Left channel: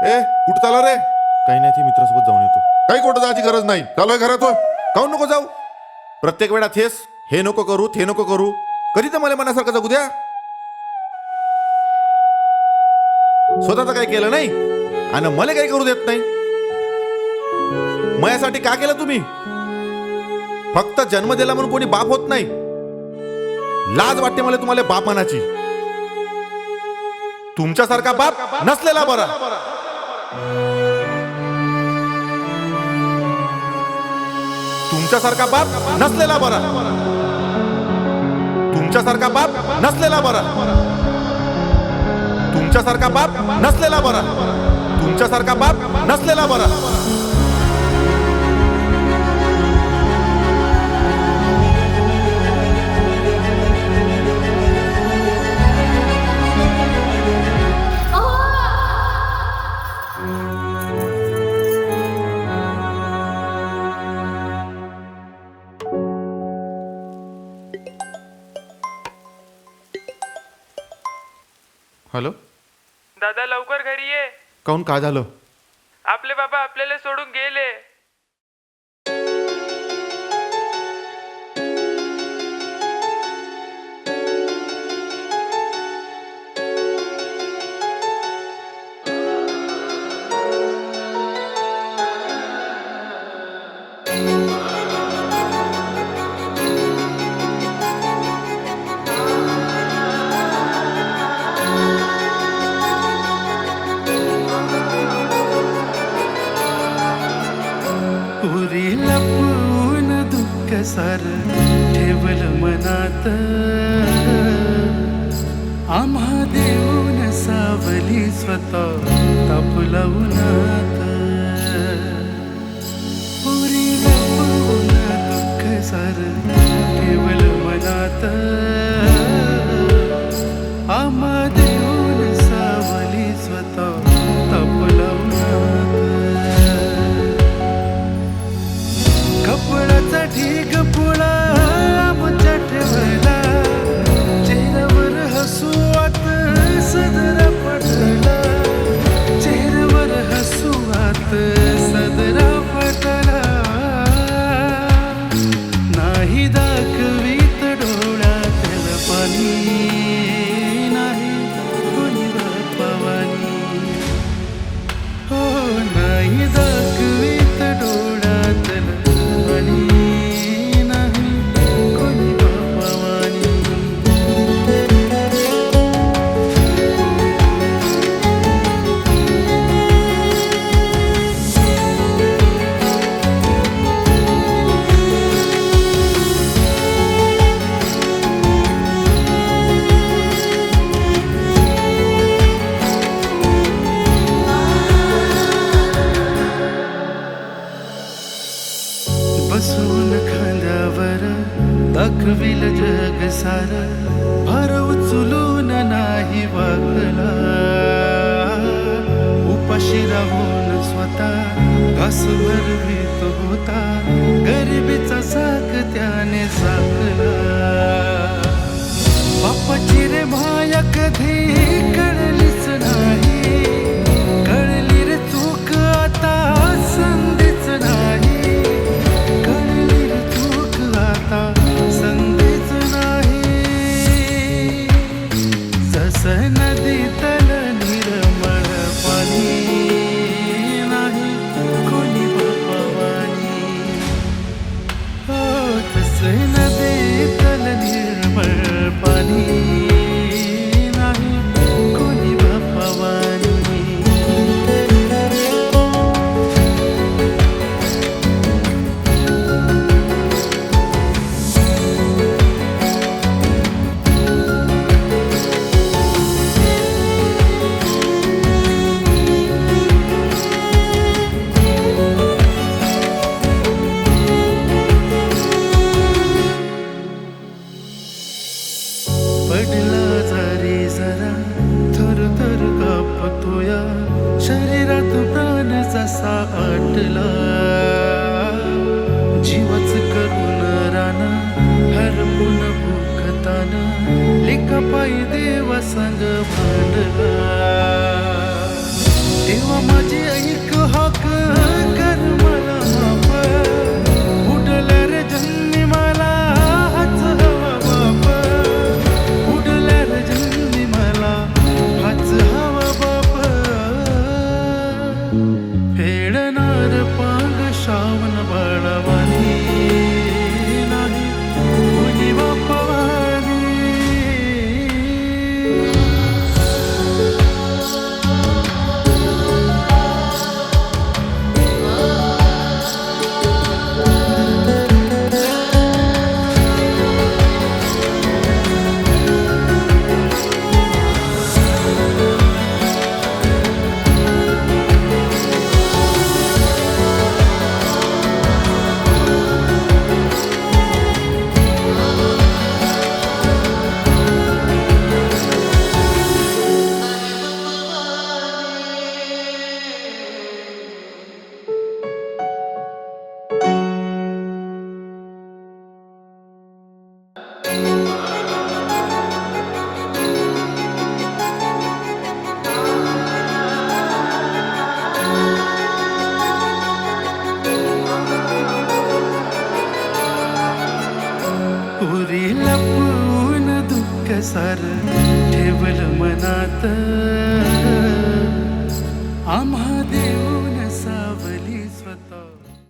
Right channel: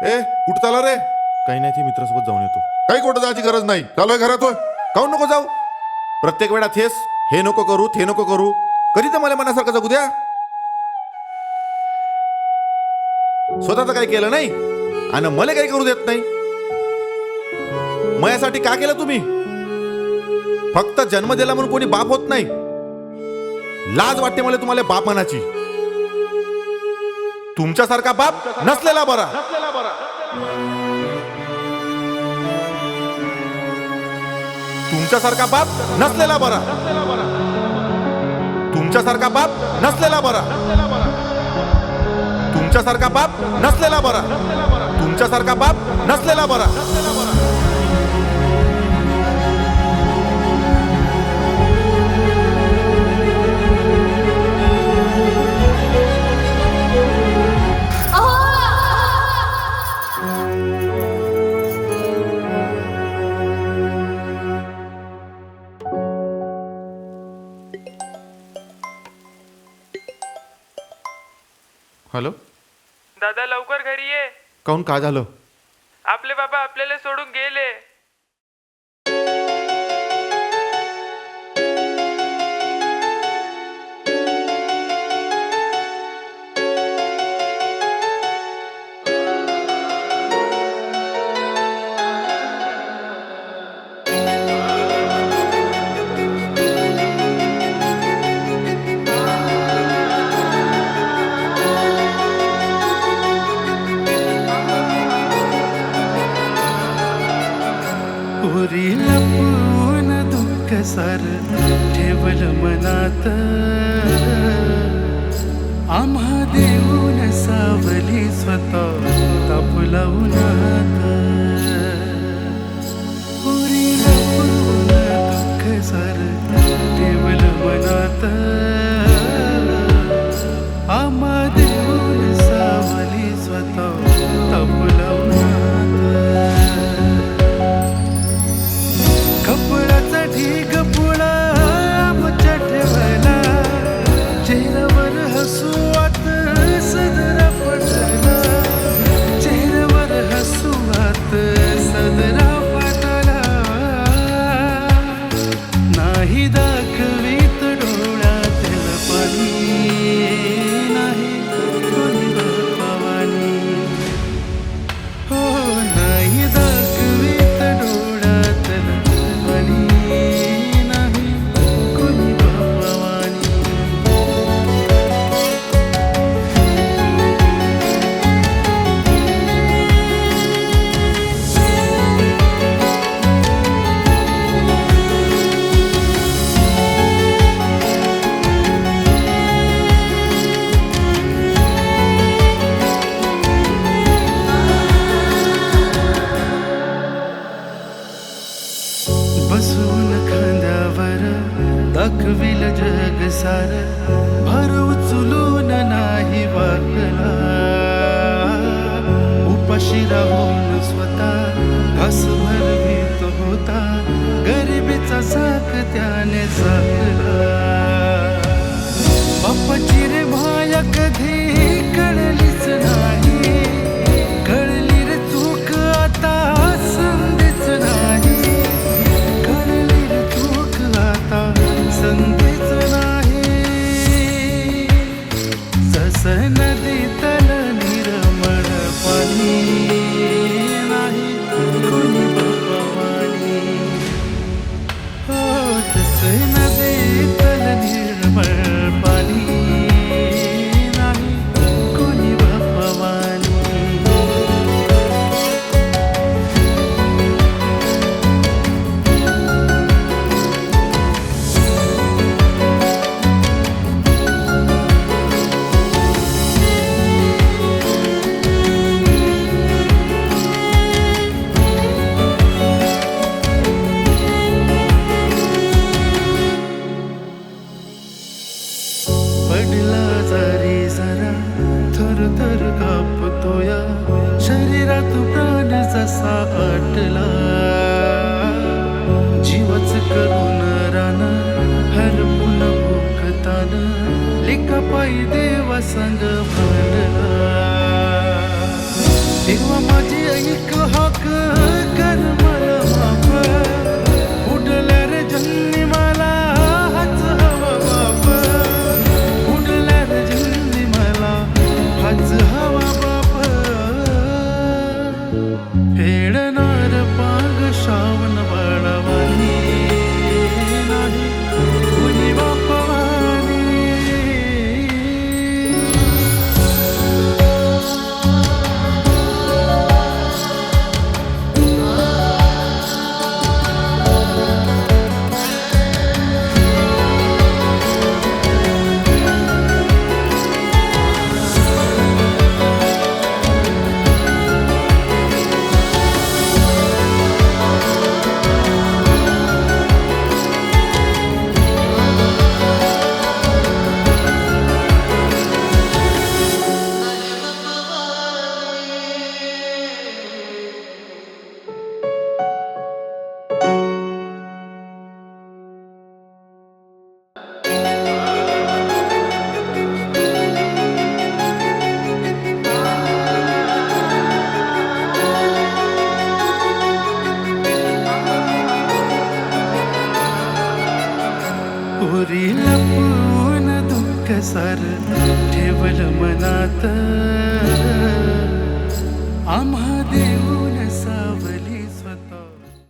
ए कुठं चाला रे? काही नाही, ते मित्रासोबत जाऊन येतो. काही कुठं जायची गरज नाही. चालू आहे घरात होय. काहून नको जाऊ? प्रत्येक वेळा हेच, हे नको करू ते नको करू. कधी तर मला मनासारखं जगू द्या. स्वतःच काही केलं नाही आणि मला काही करू देत नाही. मयासाठी का केलं तुम्ही? फक्त जन्म दिला म्हणून कोणी बाप होत नाही. लाज वाटते मला तुम्हाला बाप म्हणाची. तुमच्यासारखा बाप नसलेला बरा. तुमच्यासारखा बाप नसलेला बरा. तुमच्यासारखा बाप नसलेला बरा. तुमच्यासारखा बाप नसलेला बरा. तुमच्यासारखा बाप नसलेला बरा. हॅलो, दादा लवकर घरी ये. काहून, काय झालं? आपले बाबा आपल्याला सोडून गेले. उरी लपवून दुःख सार ठेवल मनात, आम्हा देऊन सावली स्वतः तापला उन्हात. उरी लपवून दुःख सार ठेवल मनात, आम्हा देऊन सावली स्वतः तापला उन्हात. कपडाचा ढीग पुळा आमच्या ठेवला, चेहऱ्यावर हसू आत सदरा पटला. चेहऱ्यावर हसू आत सदरा पटला. नाही दाखवीत डोळ्यातल पाणी, नाही कोणी बापावानी. हो, नाही दाखवीत डोळ्यातल पाणी, नाही कोणी बापावानी. बसून खांद्यावर दाखविल जग सार, भर उचलून नाही वाकला. उपाशी राहून स्वतः घास भरवीत होता, गरिबीचा झाक त्याने झाकला. बापाची रे माया कधी कळलीच नाही, कळली रे चूक आता संधीच नाही. संधीच नाही. जस नदी तल निर्मळ पाणी, नाही कोणी बापावानी. हो, तस नदी तल निर्मळ पाणी, नाही कोणी बापावानी. पडला जरी जरा थर थर कापतोया, शरीरात प्राण जसा आटला. जीवच करून रान हरपून भूकतान, लेका पायी देवा संग भांडला. तेव्हा माझी ऐक हाक कर मला माफ, उडल्या रे जन्मी मला हाच हवा बाप, उडल्या रे जन्मी मला हाच हवा बाप. फेडणार पांग श्रावण बाळावानी नाही कुणी बापवानी. उरी लपून दुःख सार ठेवल मनात, आम्हा देऊन सावली स्वतः.